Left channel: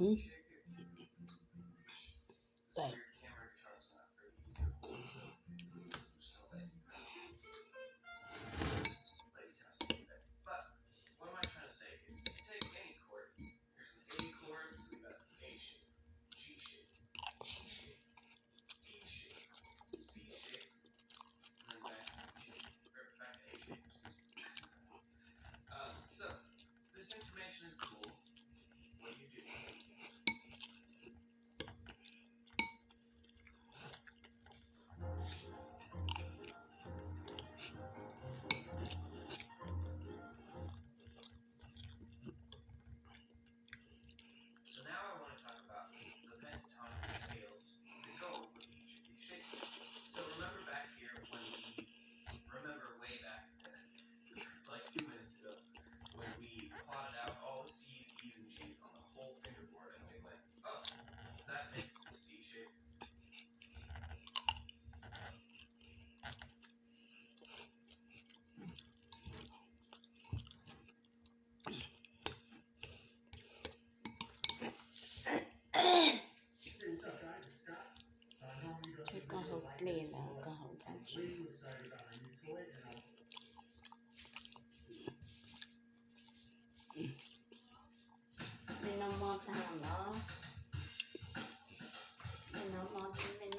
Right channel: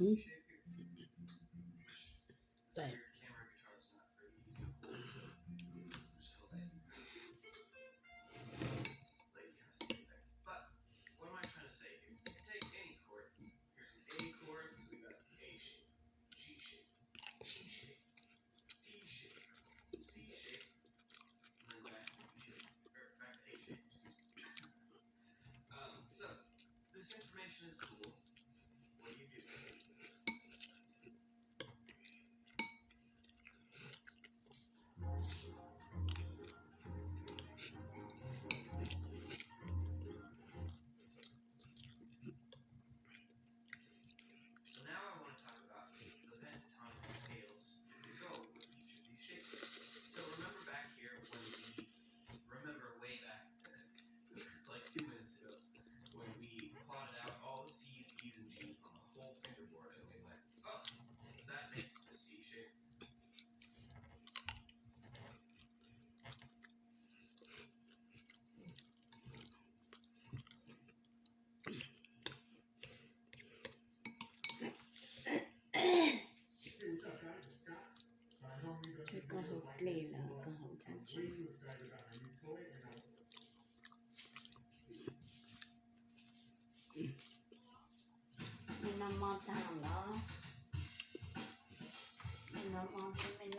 Hmm? Đây. Cái con hộp lên là con hộp trang trí. Mình nó mò tàng đó. Mình nó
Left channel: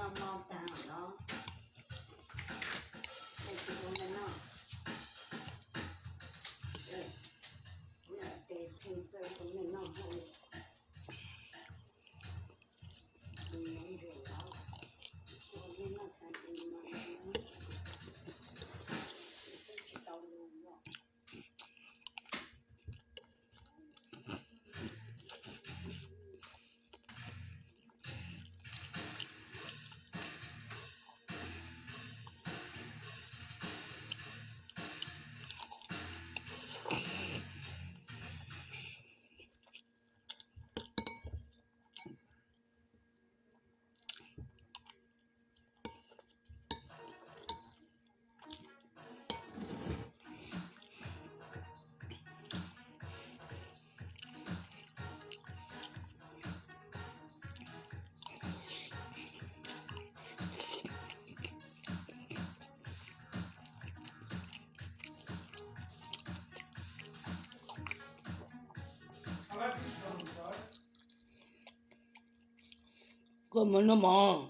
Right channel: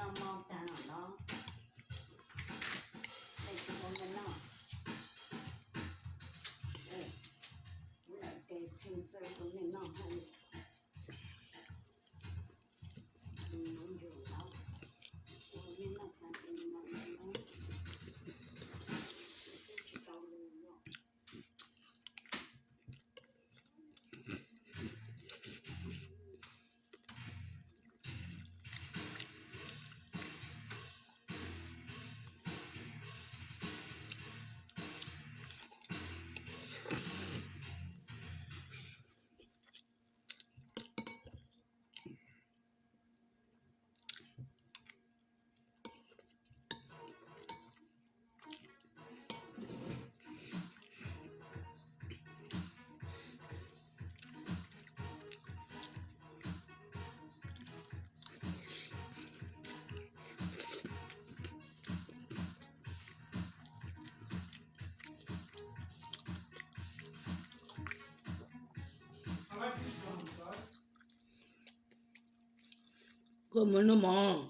mò tàng đó. Mình chỉ muốn nó. Để thêm chơi của mình nó hồi. Mình muốn rửa đó. Nhưng mà phải tìm nó. Chỉ tao luôn đó. Come no more.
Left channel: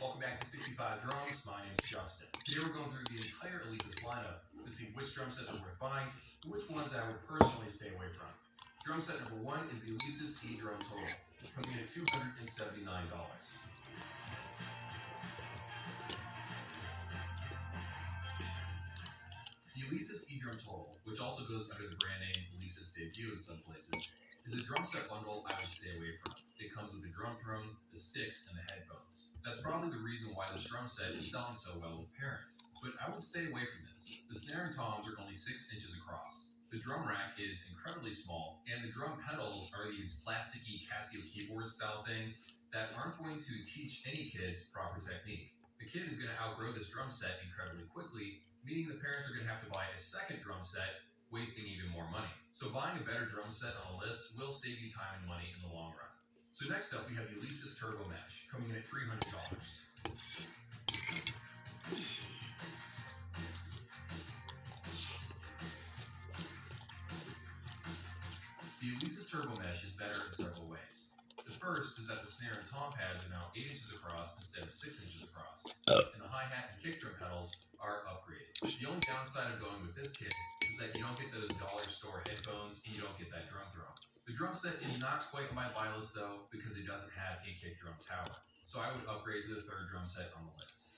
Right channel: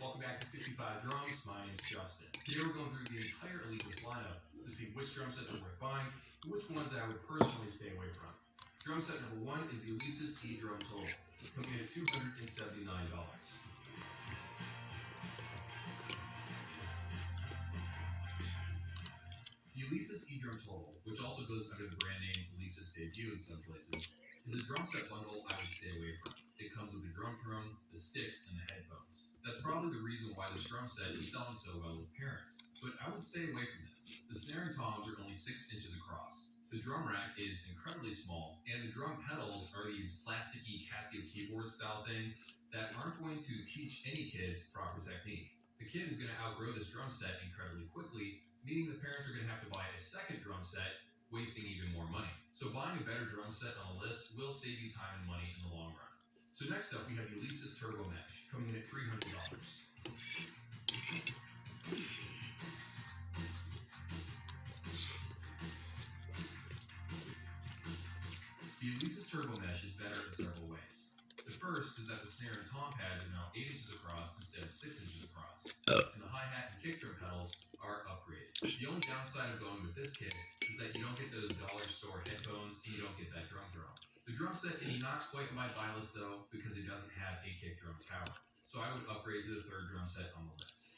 Welcome back to 65 Drums. My name's Justin. Today we're going through the entire Alesis lineup to see which drum sets are worth buying and which ones I would personally stay away from. Drum set number 1 is the Alesis E-Drum Total, coming in at $279. The Alesis E-Drum Total, which also goes under the brand name Alesis Debut in some places, is a drum set bundle I would stay away from. it comes with the drum throne, the sticks, and the headphones. That's probably the reason why this drum set is selling so well with parents. But I would stay away from this. The snare and toms are only 6 inches across. The drum rack is incredibly small, and the drum pedals are these plasticky Casio keyboard style things that aren't going to teach any kids proper technique. The kid is going to outgrow this drum set incredibly quickly, meaning the parents are going to have to buy a second drum set, wasting even more money. So buying a better drum set on the list will save you time and money in the long run. So next up, we have the Alesis Turbo Mesh, coming in at $300. The Alesis Turbo Mesh is better in several ways. The first is that the snare and tom pads are now 8 inches across instead of 6 inches across, and the hi-hat and kick drum pedals are upgraded. The only downside of going with this kit is that you don't get those dollar store headphones and you don't get that drum throne. The drum set is not quite on my buy list though, because it doesn't have a kick drum tower, so I would upgrade to the third drum set on the list.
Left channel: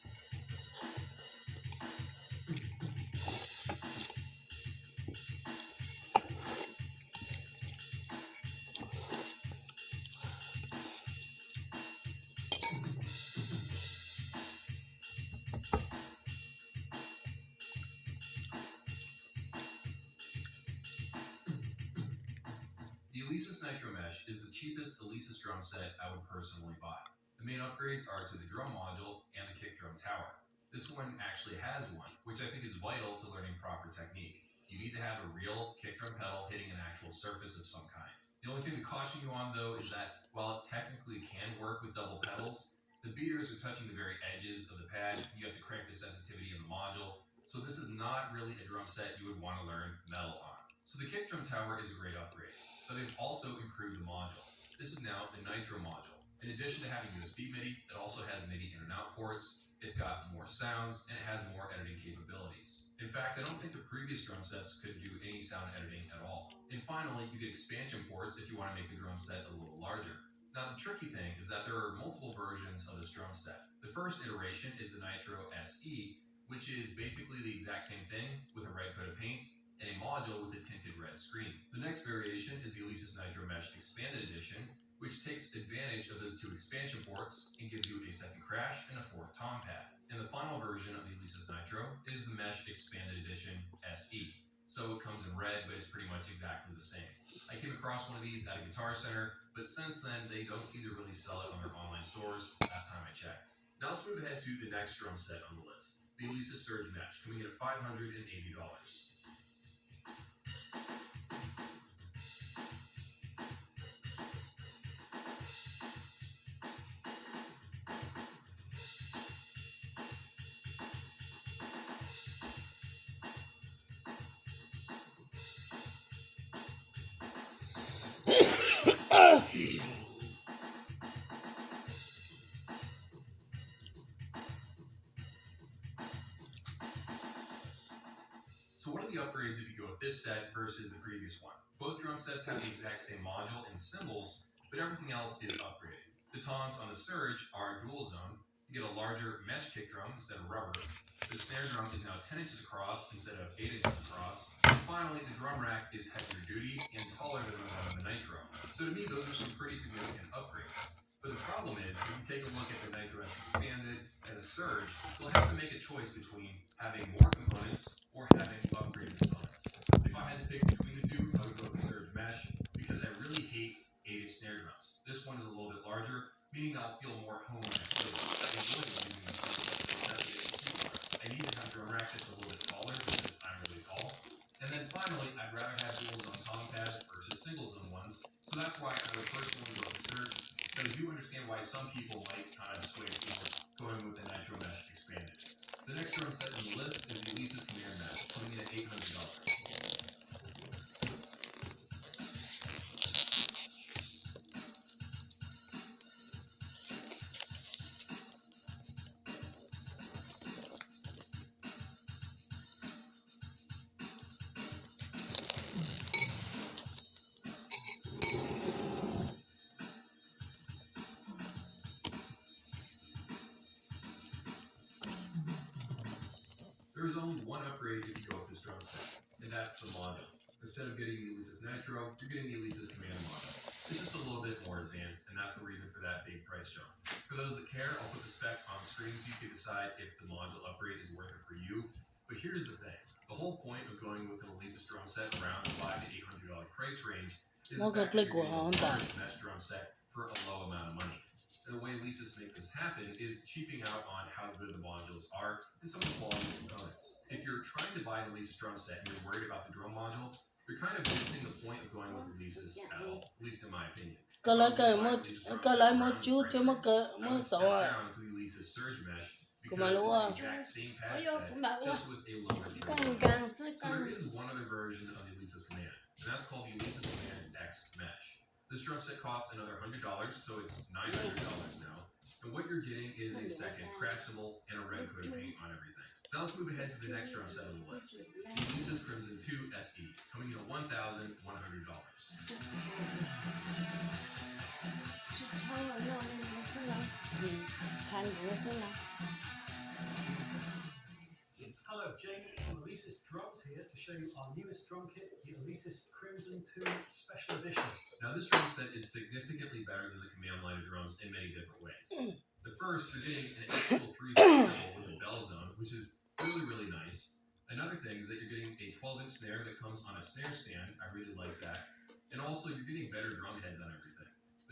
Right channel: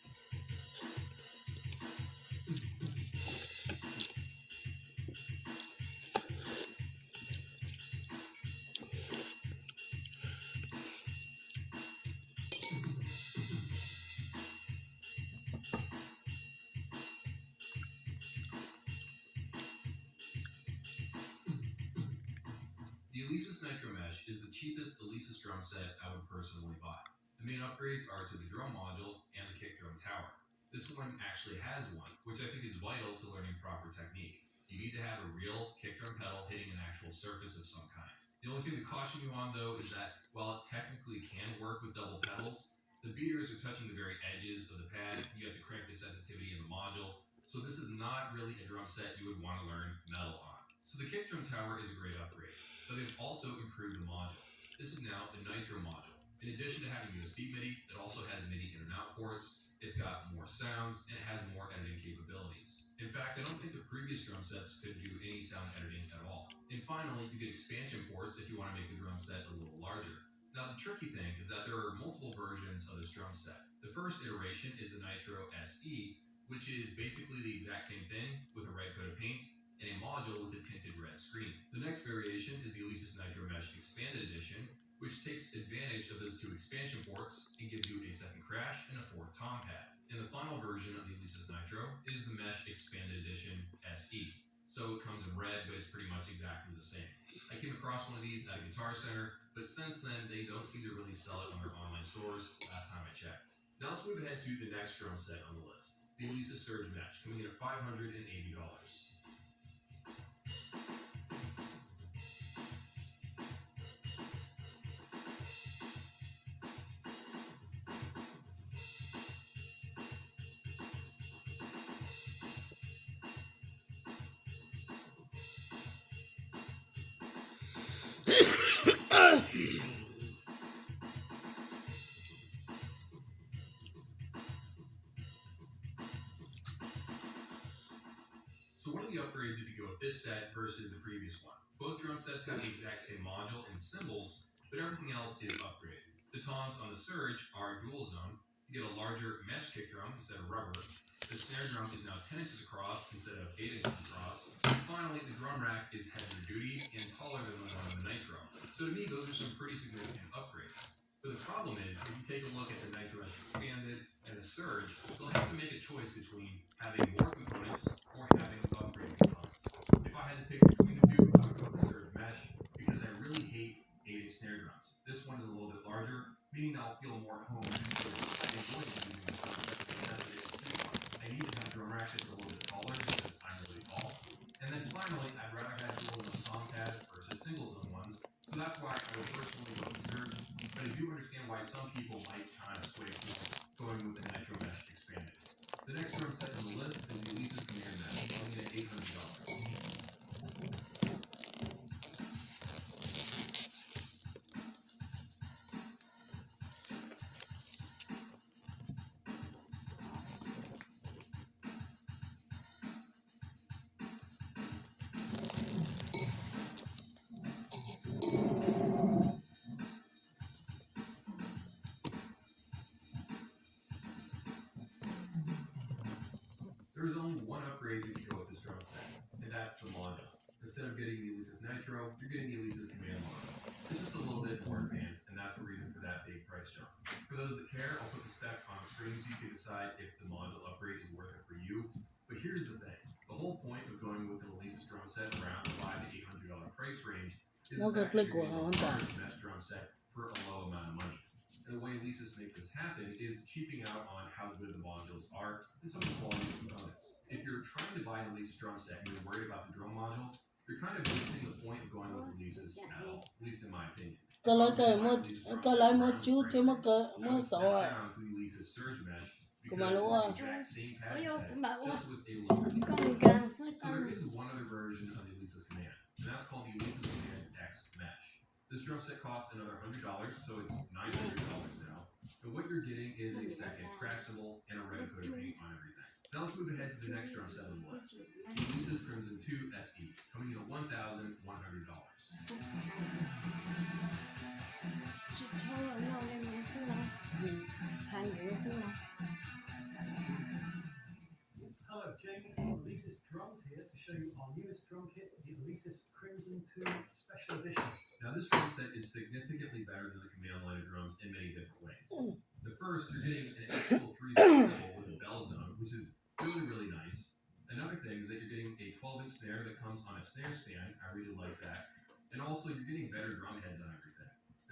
The Alesis Nitro Mesh is the cheapest Alesis drum set I would personally buy. The main upgrades are to the drum module and the kick drum tower. This one actually has one, which I think is vital to learning proper technique. You need to have a real kick drum pedal hitting an actual surface of some kind. The only thing to caution you on though is that while it technically can work with double pedals, the beaters are touching the very edges of the pad. You have to crank the sensitivity in the module, so this is not really a drum set you would want to learn metal on. So the kick drum tower is a great upgrade, but they've also improved the module. This is now the Nitro module. In addition to having USB MIDI, it also has MIDI in and out ports, it's got more sounds, and it has more editing capabilities. In fact, I don't think the previous drum sets could do any sound editing at all. And finally, you get expansion ports if you want to make the drum set a little larger. Now the tricky thing is that there are multiple versions of this drum set. The first iteration is the Nitro SE, which is basically the exact same thing with a red coat of paint and a module with a tinted red screen. The next variation is the Alesis Nitro Mesh Expanded Edition, which takes advantage of those 2 expansion ports and gives you a second crash and a 4th tom pad. And the final version of the Alesis Nitro is the Mesh Expanded Edition SE. So it comes in red, but it's pretty much exactly the same. I came across one of these at a Guitar Center, but since then they don't seem to really sell it on their online stores last time I checked. Now let's move ahead to the next drum set on the list, the Alesis Surge Mesh, coming in at $580. So what are the upgrades if you go with this set versus the previous one? Both drum sets have the exact same module and cymbals, but everything else is upgraded. The toms on the Surge are dual zone. You get a larger mesh kick drum instead of rubber. The snare drum is now 10 inches across instead of 8 inches across. And finally, the drum rack is heavier duty and taller than the one on the Nitro. So to me, those are some pretty significant upgrades. But the problem is, if you take a look at the Nitro Expanded and the Surge, you'll have to make a choice between having more components or having upgraded components. If I had to pick between the two, I would go with the Surge Mesh because I really hate 8-inch snare drums. This one is a little bit larger, meaning I'll feel more home and enjoy using this drum set because I need to have a drum rack that's a little bit taller because I'm really tall. And then finally, I'd rather have dual zone tom pads versus single zone ones, so that's why I would personally go with the Surge. But I do understand why some people might kind of sway towards going with the Nitro Mesh Expanded. The next drum set on the list is the Alesis Command Mesh, coming in at $800. There is only one upgrade if you go with this drum set, and that's the module. Instead of getting the Alesis Nitro, you're getting the Alesis Command module. It's just a little bit more advanced, and that's the reason for that big price jump. For those that care, I'll put the specs on the screen so you can decide if the module upgrade is worth it for you. But here's the thing. The whole point of going with the Alesis drum set around the $500 to $800 price range is the fact that you're getting a large mesh drum set for a low amount of money. And the way Alesis makes this happen is cheaping out on how good the modules are and some of the quality of components. If you're trying to buy an Alesis drum set and you're worried about the drum module, you're kind of missing the point of going with Alesis at all, at least in my opinion. Cái lấy một chút thì mất tổ à. Cũng mà luôn à. Càng So there is one other version of the Alesis Command, and that's called the Alesis Command X Mesh. This drum set costs another $100, so it's $900 now. And what you're getting is a second crash symbol and a red coat of paint on everything. Now let's move ahead to the next drum set on the list. The Alesis Crimson 2 SE, coming in at $1,100. 超有那种颜色呢，看颜色呢。 Hello, Jamie from Alesis Drums here to show you our newest drum kit, the Alesis Crimson 2 Special Edition. Now this drum set is significantly better than the command line of drums in many different ways. The first, you're getting an actual 3-zone cymbal with a bell zone, which is really nice. Another thing is that you're getting a 12-inch snare that comes on a snare stand. I really like that. And also, you're getting better drum heads on everything.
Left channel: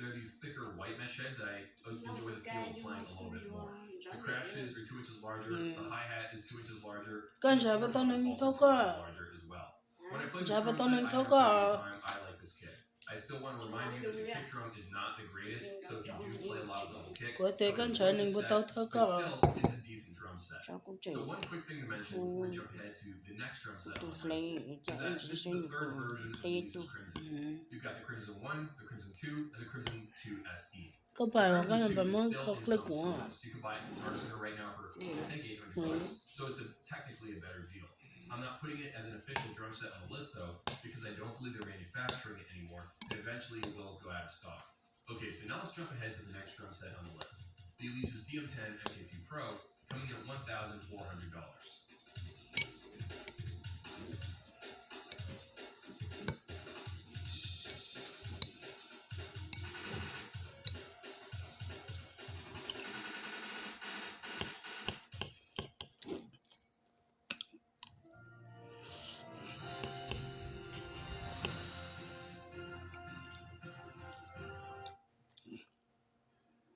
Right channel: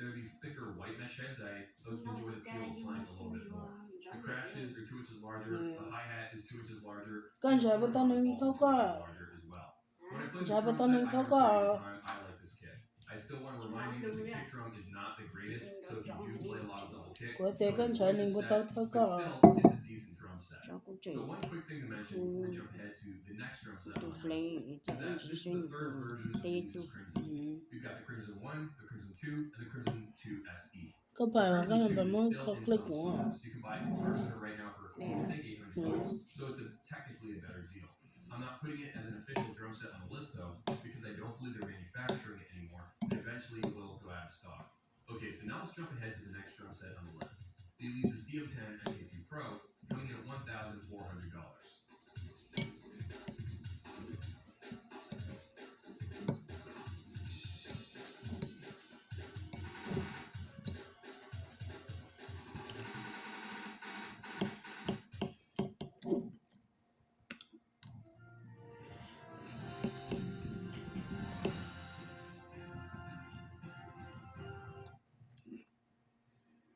There are these thicker white mesh heads that I enjoy the feel of playing a little bit more. The crashes are 2 inches larger, the hi-hat is 2 inches larger, Con and chả the biết tao nên also thâu 2 cả. inches larger as well. When I play this Chả biết drum tao set, nên I thâu have a pretty cả. good time. I like this kit. I still want to remind you that the kick drum is not the greatest, so if you do play a lot of double kick, Có thể con chả nên bắt tao thâu but cả. still, it's a decent drum set. Cháu cũng chỉ So one quick thing to mention before we jump ahead to the next drum set on tụt the lấy list để is cho that anh this chị is xem the third version of the tê Alesis tụt. Crimson. You've got the Crimson 1, the Crimson 2, and the Crimson 2 SE. Có phải là Crimson cái 2 phải is mới still có in click some của. stores. You can buy it at Guitar Center right now for I think $800, so it's technically a better deal. I'm not putting it as an official drum set on the list though, because I don't believe they're manufacturing it anymore, and eventually it will go out of stock. Okay, so now let's jump ahead to the next drum set on the list. The Alesis DM10 MK2 Pro, coming in at $1,400.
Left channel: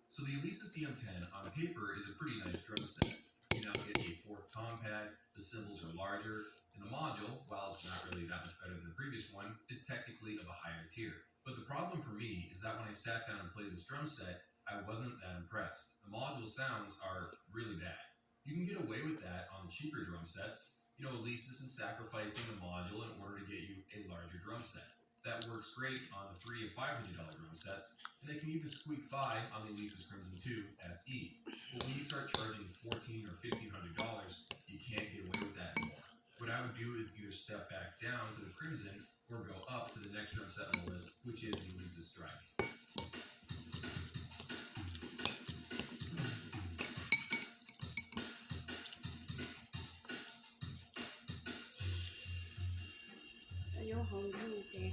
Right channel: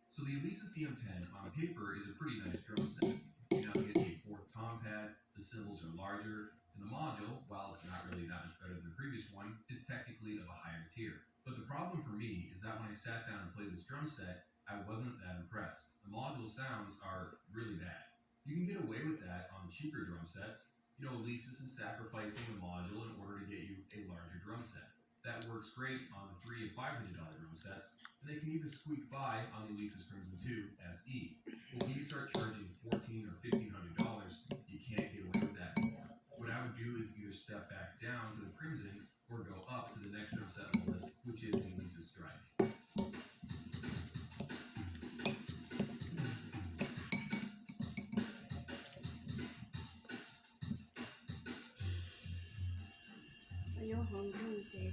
So the Alesis DM10 on paper is a pretty nice drum set. You now get a 4th tom pad, the cymbals are larger, and the module, while it's not really that much better than the previous one, is technically of a higher tier. But the problem for me is that when I sat down and played this drum set, I wasn't that impressed. The module sounds are really bad. You can get away with that on the cheaper drum sets. You know, Alesis is sacrificing the module in order to get you a larger drum set. That works great on the $300 and $500 drum sets, and they can even squeak by on the Alesis Crimson 2 SE. But when you start charging $1,400 or $1,500, you can't get away with that anymore. What I would do is either step back down to the Crimson or go up to the next drum set on the list, which is the Alesis Strike.有红绿的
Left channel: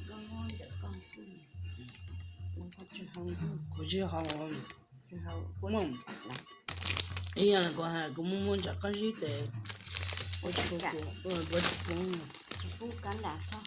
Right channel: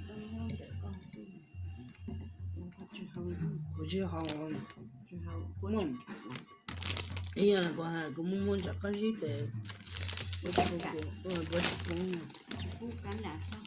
跟我的告诉你，我不知红绿 Của chị họ 之后 cũng mong. Ý là có hai cũng muốn chắc cái gì để我去干，bữa cũng不敢打超好。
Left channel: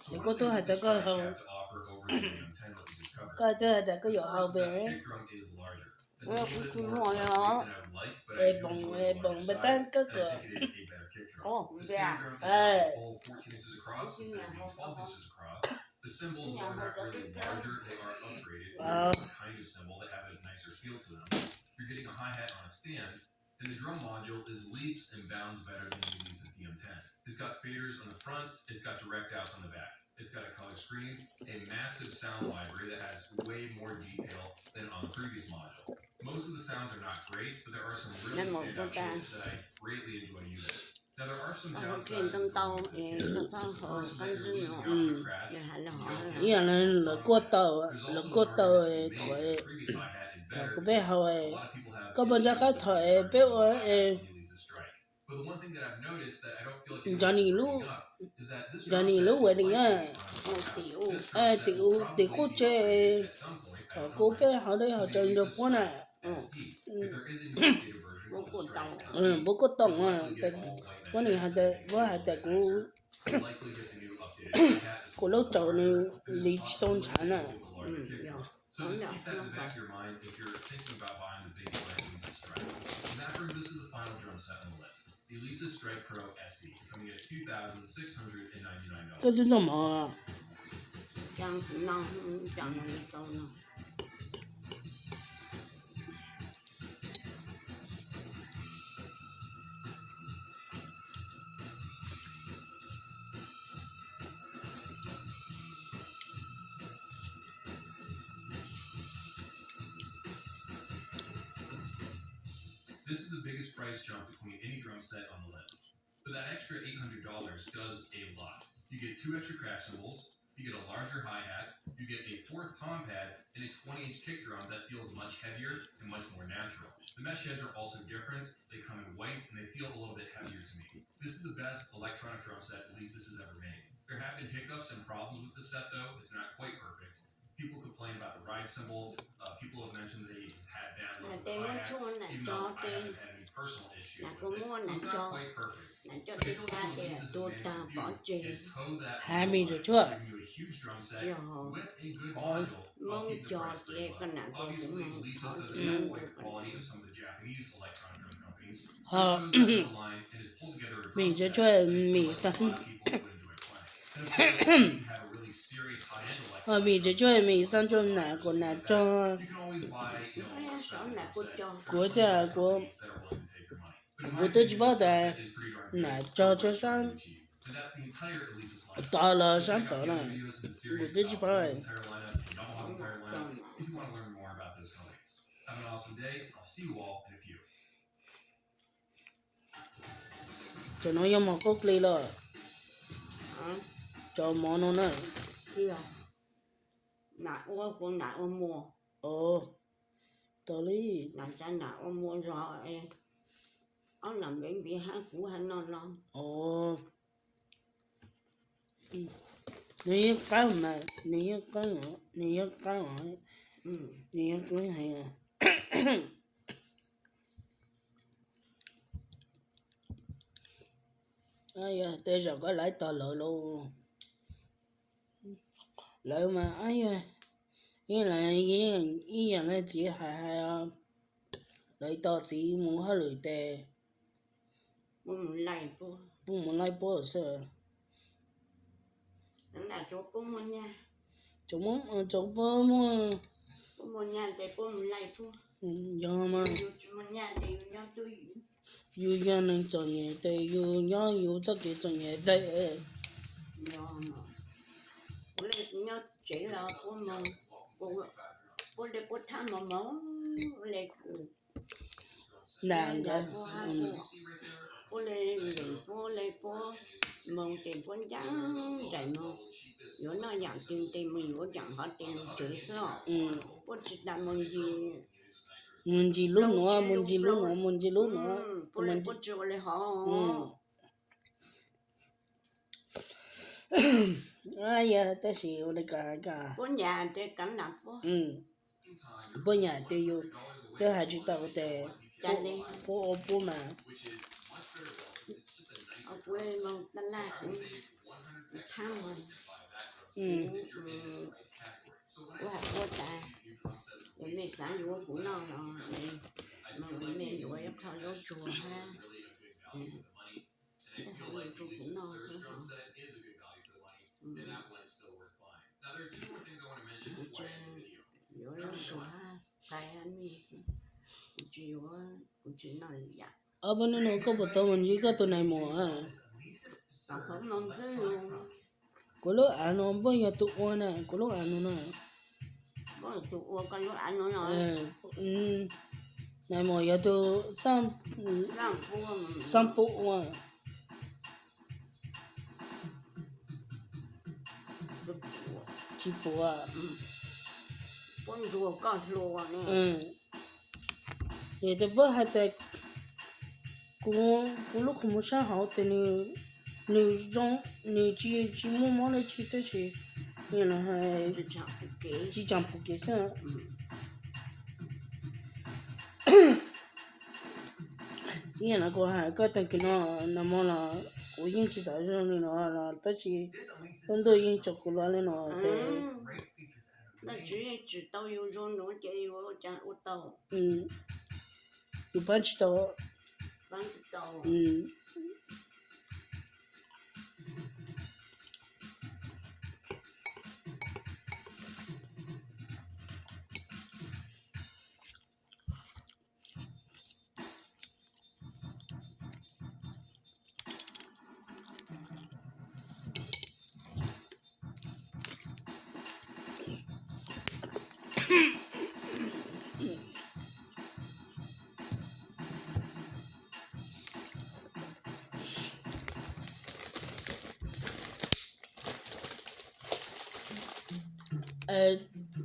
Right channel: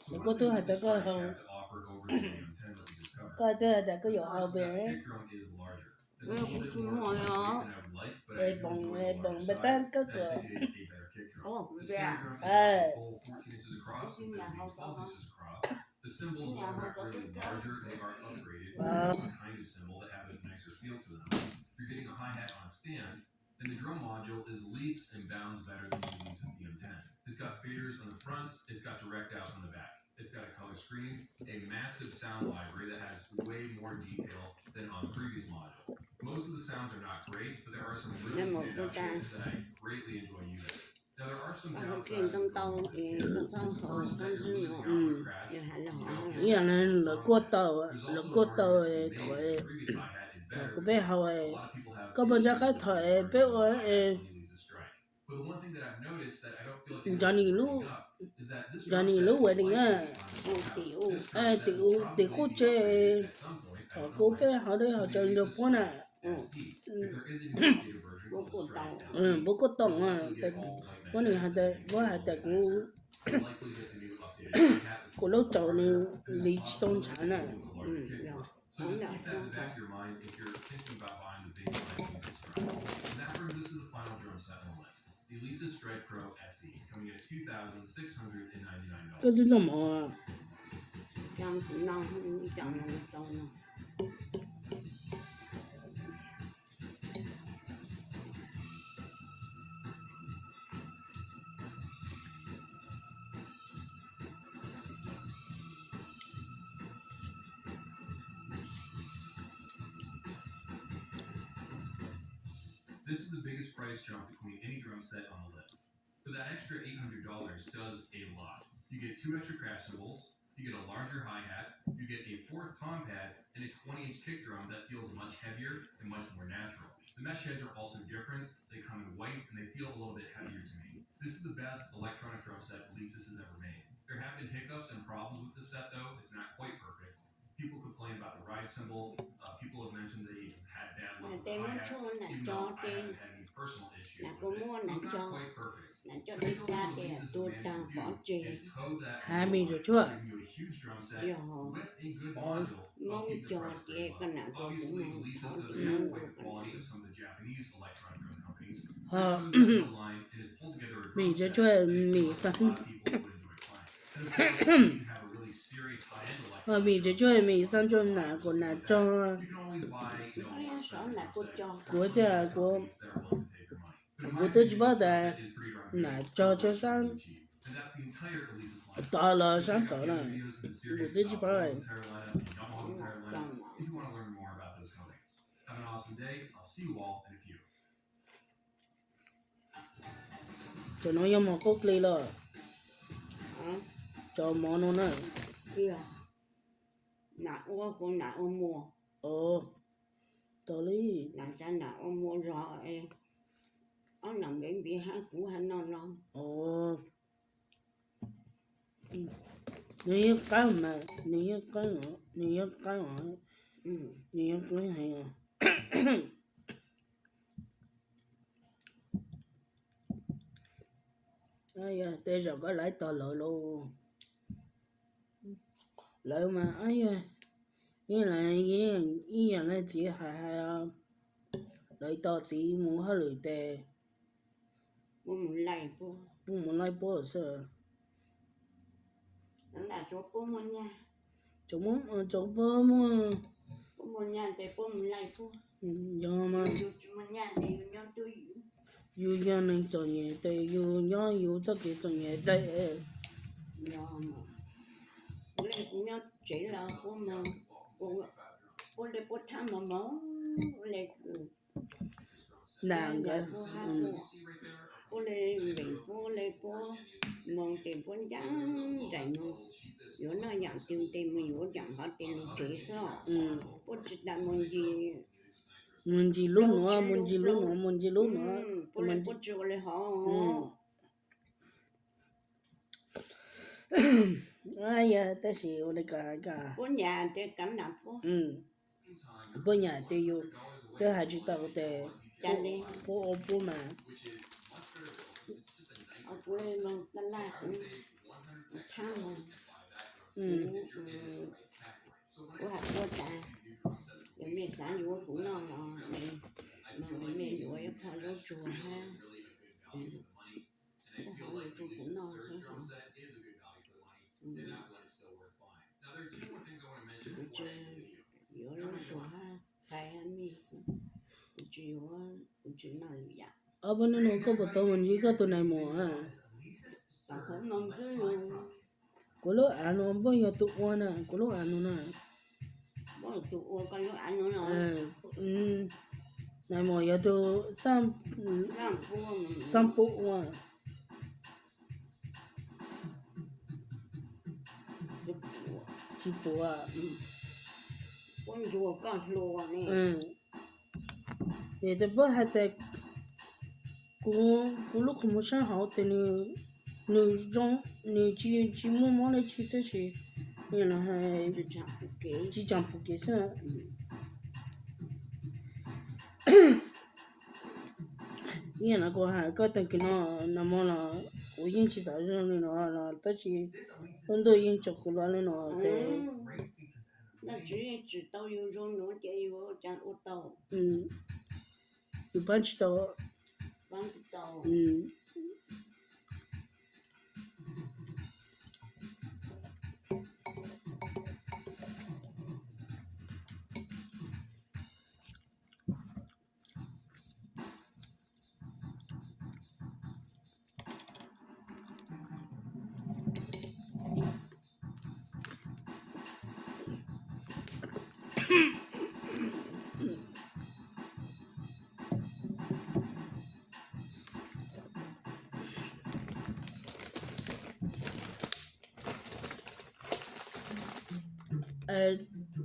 So Để one có of the tôi hay Alesis tới coi Strike không? have to offer over the DM10 that we just covered. Coi tôi là cái giỏ First, hậu the bể. kick drum is larger. It's a Well, little bit you more know, lightweight than I would like, but I Ê do bồng enjoy ê the bồng larger bê tan size, cái and I cửa. think it is a better kick drum. Oh, The snare yeah. drum is Ê. a full 14 inches across instead of being 12 inches across. The cymbals, while they're not really larger, they are upgraded to a different kind of cymbal that have a nicer feel to them. You're getting a hi-hat on a stand, and the drum module is leaps and bounds better than the Alesis DM10. It's got faders on the front, it's got direct outs on the back. It's got a color screen, a massive sound library that has way more detail than on the previous module. Most of the sounds are not great, but there are some really standout hits that I greatly enjoy using. Now there are some Còn downsides cái to tân tàu this thì kit. nó sao họ First, không that you're dưng losing họ out on the crash. giờ hẳn là You họ don't get Ý là là cua tàu There's là also cua an tàu argument to be made thoại that the previous hi-hat is là better cái bé hậu because a lot of people have có bao giờ issues cái with thoại the bé hi-hats ơi on the Alesis Strike. But the one thing that I've noticed that I don't feel like Johnny is Lu bringing up is is that this Giờ drum này set lúc is vậy thì likely nhá. to be tiểu This drum À, set tiểu will tiểu probably cô be chơi upgraded at some point. I họ don't cố know bé when. họ đây họ To the chơi được Alesis bốn à. Strike ST. If there is a new updated version Bố of the của Strike tàu. ST, Bố có you'll tổng à, likely tại get all white bố mesh này heads hạt that tại make it bố feel hạt a tại bit cú nicer. You'll likely get the new updated front hat that's a cú little lâu bit trầu này larger, and there's lý a tôn possibility chán to à. go with a larger kick drum. So Không just nhận keep that in the không back phải. of your mind if you're thinking about buying the basic Alesis Strike. And that brings us to the final drum set on the list, the Alesis Strike Pro SE, coming at $2,699. Cái thứ gì mà Chẳng nào chẳng là câu nào. This is the biggest price jump between any drum set on the list. But that extra $800 does a lot. You get 2 extra crash cymbals, you get a larger hi-hat, you get a 4th tom pad, and a 20-inch kick drum that feels much heavier and much more natural. The mesh heads are also different, they come in white, and they feel a little bit heavier to me. This is the best electronic drum set Alesis has ever made. There have been hiccups and problems with the set though, it's not quite perfect. People complain about the ride cymbal, people have mentioned they had bad luck with They want hi-hats, to even though I haven't had any personal issues là with có it, mua so là it's not cho quite perfect. là cho But I đi think ra what để Alesis tôi managed ta to bỏ do chè is toe that 20 rồi line, chưa? giving you a huge drum set giờ with a good Ôi. module while mong keeping the cho price chị pretty cái low. nào tôi Obviously, cũng Alesis hỏi doesn't chị have mong quite tôi the quality of some of the Japanese electronic drum companies. But Họ it chose that middle line and has pulled together a Mình drum sẽ set cho that mình a sẵn lot of people would enjoy playing. And of course, if you have a really serious high-end họ electronic mình sẽ drum cho set, mình or sẵn cho something nạ like của nạ that, cho you can always buy, you know, a more sợ expensive là drum cô set. cho của There's ta plenty of của companies that are willing to take your money. But in my của tôi chỉ opinion, bảo this drum là set is pretty darn good nạ for cho what you're sẵn trying to achieve. And that's the entire Alesis lineup. tao là Go sẵn check out tao the này other videos in the của series tôi chỉ about bảo Yamaha's là entire lineup and Yamaha's không entire cho lineup mà if you want to learn more about those companies. Have an awesome day. I'll see you all in a few. cho nó giống một cốc ly là hả cho món nó này kia nà ô của nà ô mua ồ tao lý là cha nà ô mua rồi ông làm bệnh bị hát cũ hay non non ồ nếu cái mà nếu cái mà ừ. nếu cái hay à ai à bây giờ có lại tao lợi luôn lợi mà ai à ý là ý là chỉ hay lợi tao chỉ muốn hơi lợi tệ Bố muốn lại bố不muốn lại bố sợ nó là chỗ bố muốn nha chúng bố muốn bố muốn nha thì bố muốn lại bố do mà dù muốn nha thì nhau tôi yêu gia nên cho nhẹ tệ yêu nhớ yêu tất cả cho nhẹ tệ do mà bố lại nhau chỉ là bố mong bố để bố tham mà máu lại nàng cái bố lại bố lại bố mong tiền bố trắng rải mong yếu nó dạng tiền mà yếu dạng họ tiền chửi sao bố chỉ làm mong gì muốn gì lúc nữa muốn gì lúc nữa muốn gì lúc nữa bố lại bố chửi lại họ ai ya ta sĩ ở đây cả bố nhà thì cảnh nạp bố nhà tê yêu tê hai chữ tao tê cha đi bố mà ở quê mong ta la cũng tham mà bố học bố ta rồi mẹ sáng rồi cũng nó mà mẹ rồi em khó lo chùa ha ta học lo chùa cũng nó thôi hả yếu lo chùa ha phải anh mi cũng chỉ nói vậy ở bên nó có một tàu mình chỉ có tụi này mùa à còn không mong tới luôn có lúc ăn nó bây giờ tụi con nè có lúc ăn nó nè bố tụi ô con lúc ăn nó nói này mùa giờ tụi làm phụ mà chỉ phụ à con rùa con rùa nè vậy thì bữa hai tay cũng lúc không muốn sáng họ thì 女只摸摸来去的去，原来还只唱不给，只讲不给上，原来个还个等个那么了，我引起到人了了，但是 This Alesis 很多人做过来了的， great features and 那 amazing 只道有种农家有讲我道，一般知道，反正道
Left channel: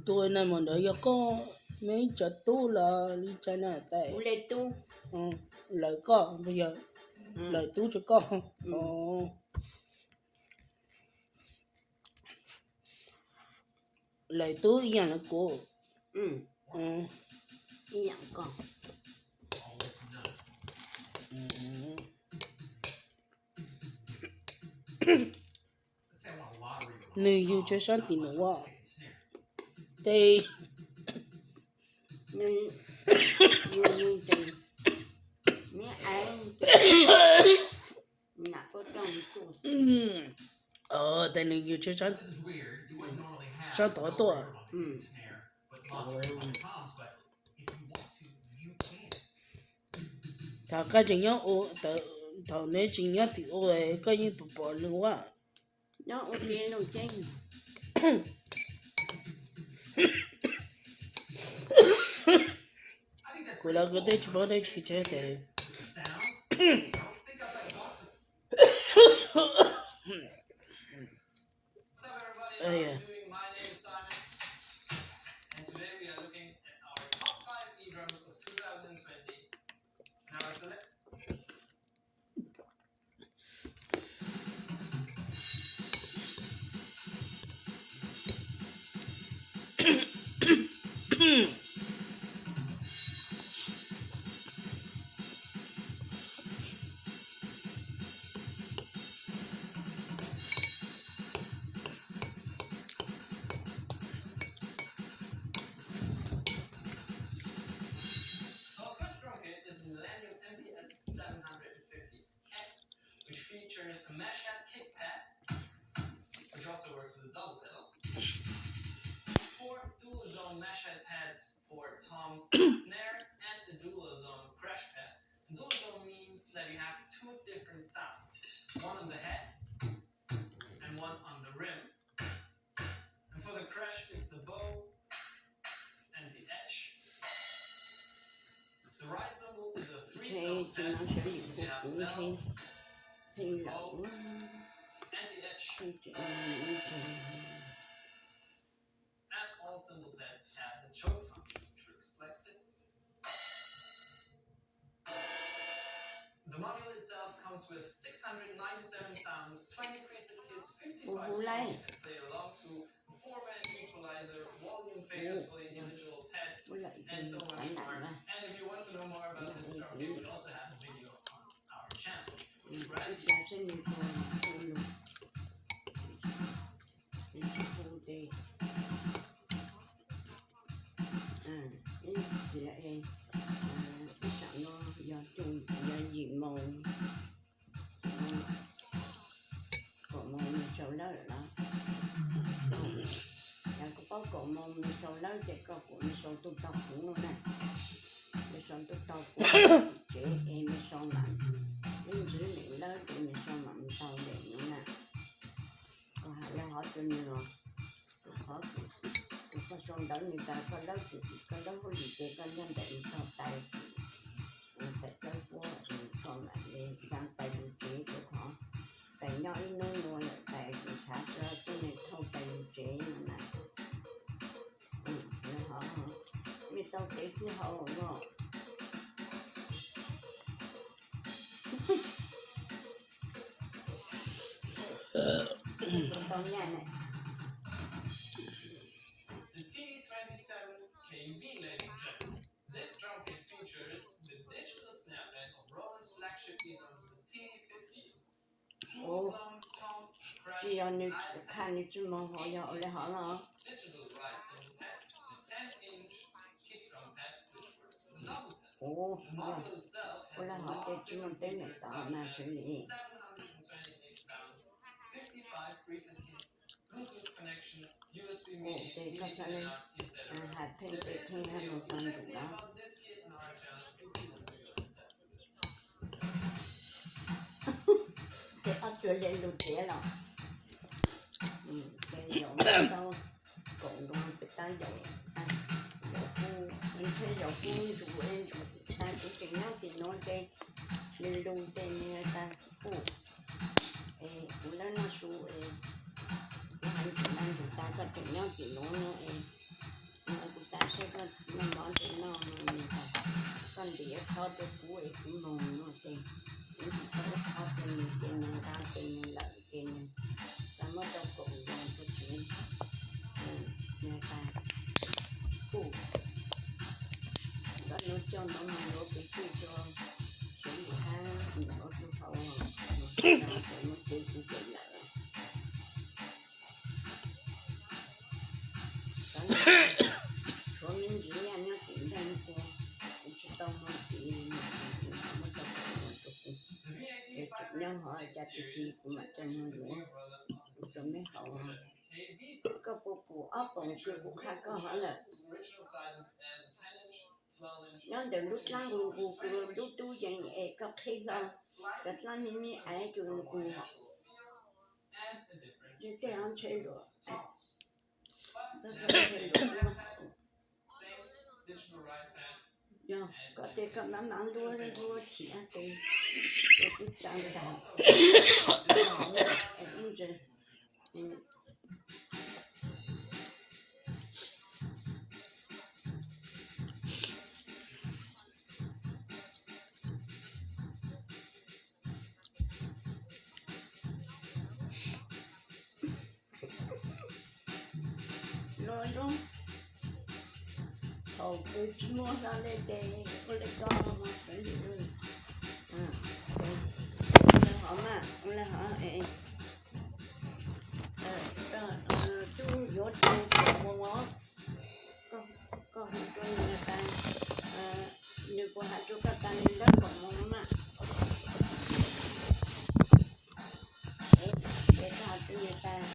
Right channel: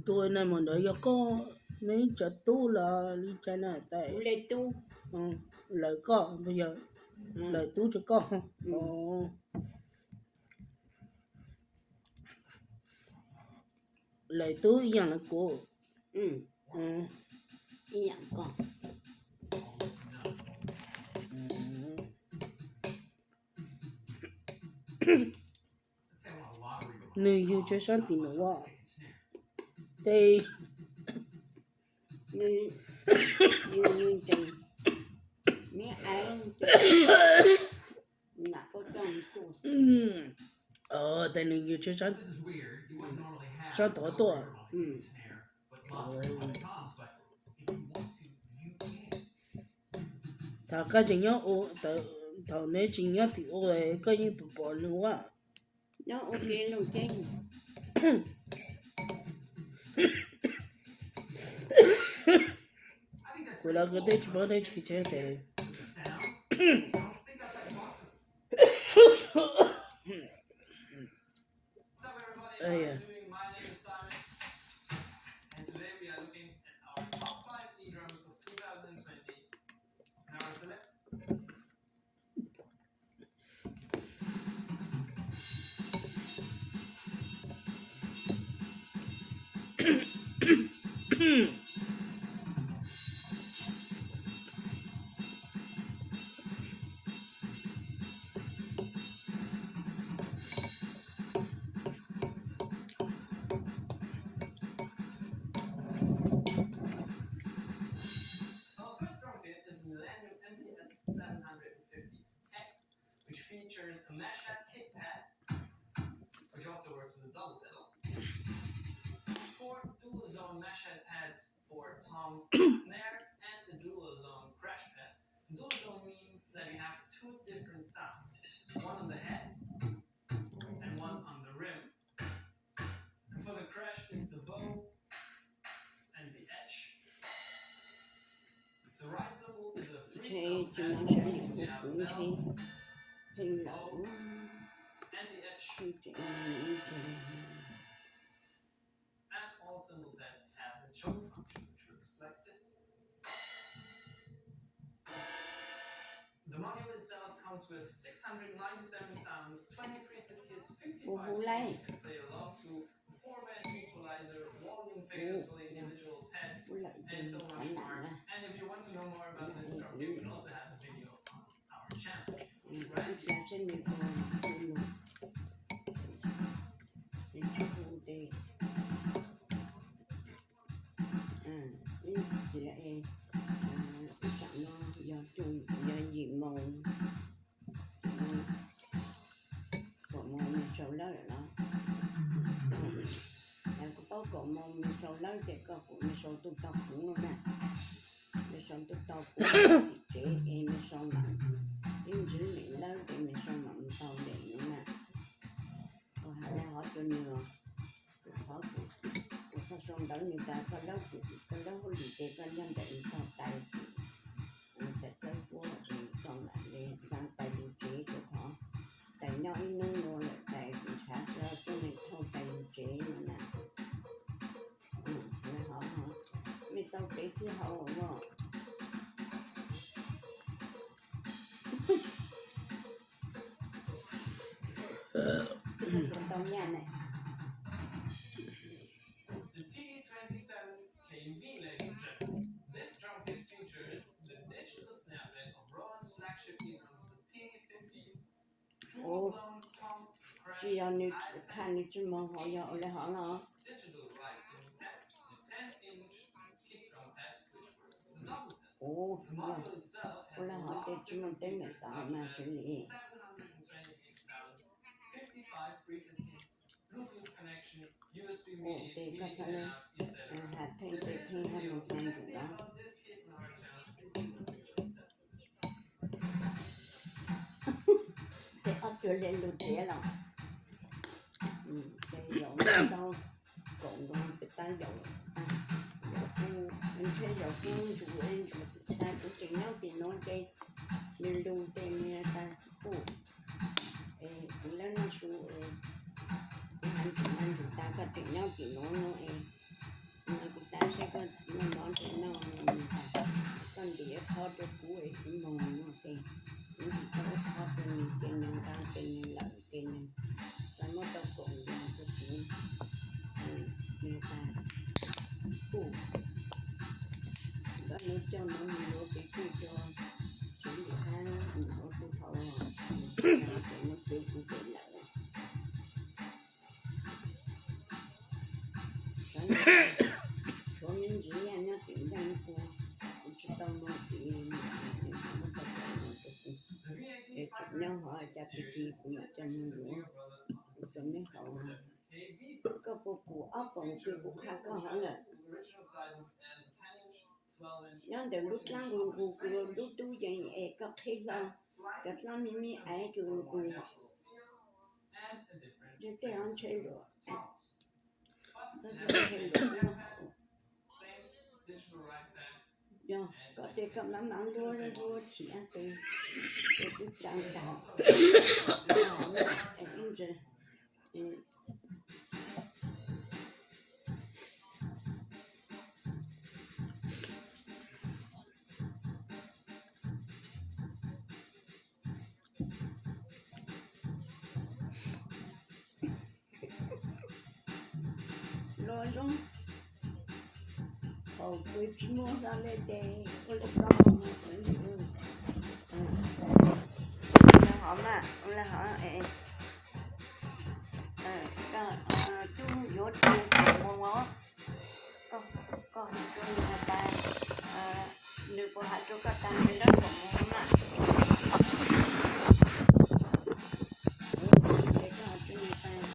，tôi này mà đợi có mấy chợ tu là đi chơi này tại, u lê tu, lại có bây giờ lại tu cho con, lại tu ý là cô, ý dạng con, người yêu cho sáng tiền nữa, đây như trời, mấy ai nạp có trong cô, tại người yêu cho sáng This is weird. You wouldn't normally have Sao tỏ no tua? rubber on the snare, but lots of different toms, but if you want to, you can. thà cái chuyện nhá, thầu nếu chuyện nhá thì ôi cái như bỏ luôn quá, nó ok nó chơi, I think that's cô là cái đấy chỉ bỏ đấy chỉ chơi thì, the sound. I don't think outside the box. What's up, everybody? Oh, How yeah. are you doing? My name is Simon, and today we are looking at our top 5 e-drums of 2020. Now, select. Our first drum kit is the Millennium MPS 750X, which features a mesh head kick pad, which also works with a double pedal. 4 dual zone mesh head pads for toms and snare, and the dual zone crash pad. Dual zone means that you have 2 different sounds, one on the head and one on the rim. And for the crash, it's the bow and the edge. The right cymbal is a 3 thế zone thì pad. nó sẽ You phục have vụ bell thì lẩu, and the edge, thì and all cymbal pads have the choke function, which works like this. The module itself comes with 697 sounds, 20 preset kits, 55 songs you can play along to, a 4-band equalizer, volume faders for the individual pads, với lại and so phải much nặng more. là And if you want to know more about this drum kit, we also have a video on our channel, which is right cái here. giá trên này còn luôn, thì chỉ phụ đề, thì lại cái chạm nó do chung do gì màu, cổ màu mình sầu lá rồi đó, là có bao cổ màu mình sầu lá thì có cổ mình sầu tụt tàu cũng luôn này, mình sầu tụt tàu cũng chế em mình sầu lại, nhưng dưới miệng đó thì mình sầu mà mình sầu để nữa nè, còn hai là họ cho nhiều, họ có sầu đó người ta có lớp có gì chế có nhân để sầu tay, phải chơi qua rồi sầu lại lên sang tay đủ chế của họ, tay nhỏ ít nung lại tay cũng khá cho nên thâu tay đủ chế nữa nè, họ mình tao chế chứ họ không. con nhà này. The TD27KV, ladies and gentlemen. This drum kit features the digital snapback of Roland's flagship e-drums, the TD50. Dual Ồ, zone tom crash chỉ ở nơi live khăn như chú mong họ giờ ở đây họ là digital ride cymbal pad, a 10-inch kick drum pad which works with a double pedal. ồ, The giờ module itself có has là a họ lot tên of chú mong different tên này features tạo such mà as xử lý. 728 sounds, 55 preset keys, Bluetooth connection, USB Ồ, MIDI, để MIDI các to bạn lên out, etc. hạt thêm There để is a thêm video một phần đủ exactly đó. about this kit on our channel if you want to test it. Để ấp chưa lên lụt thế là cái dầu nó đâu cộng đoàn cái ta dầu dầu phu mình thấy dầu phu đủ lên ta cũng chỉ nói cái lên luôn tên ta phu cũng là nó su cái hành trình ăn chúng ta có thể nhau chỉ nói mà chúng ta sẽ có năm đó thì nào mình ta con đĩa thọ được phu cũng mong nó tên những cái thọ tên ra tên lợn tên ta mới đâu cộng ra cái chuyện người ta phu đó nó cho nó bị chui cho số lượng hàng nó cho thầu nó tiêu cũng tiền lại số những gì nha nó tiền đây cô cũng chỉ tao nó chỉ nó tao nó để chụp nhau họ cha thì cũng mà cho nó nữa cho mấy hậu có cụ ấp còn chưa cụ khác có hỏi là nó đều lúc lăng cụ lúc tu dành có khi không cái lăng mình ai cứ cụ họ chứ thế anh chơi rồi nó chơi rồi giờ có thể cầm nắm nắm đua chỉ ăn từ cái trang trại em giờ rồi luôn hầu tôi mua ra đây để có lấy con mà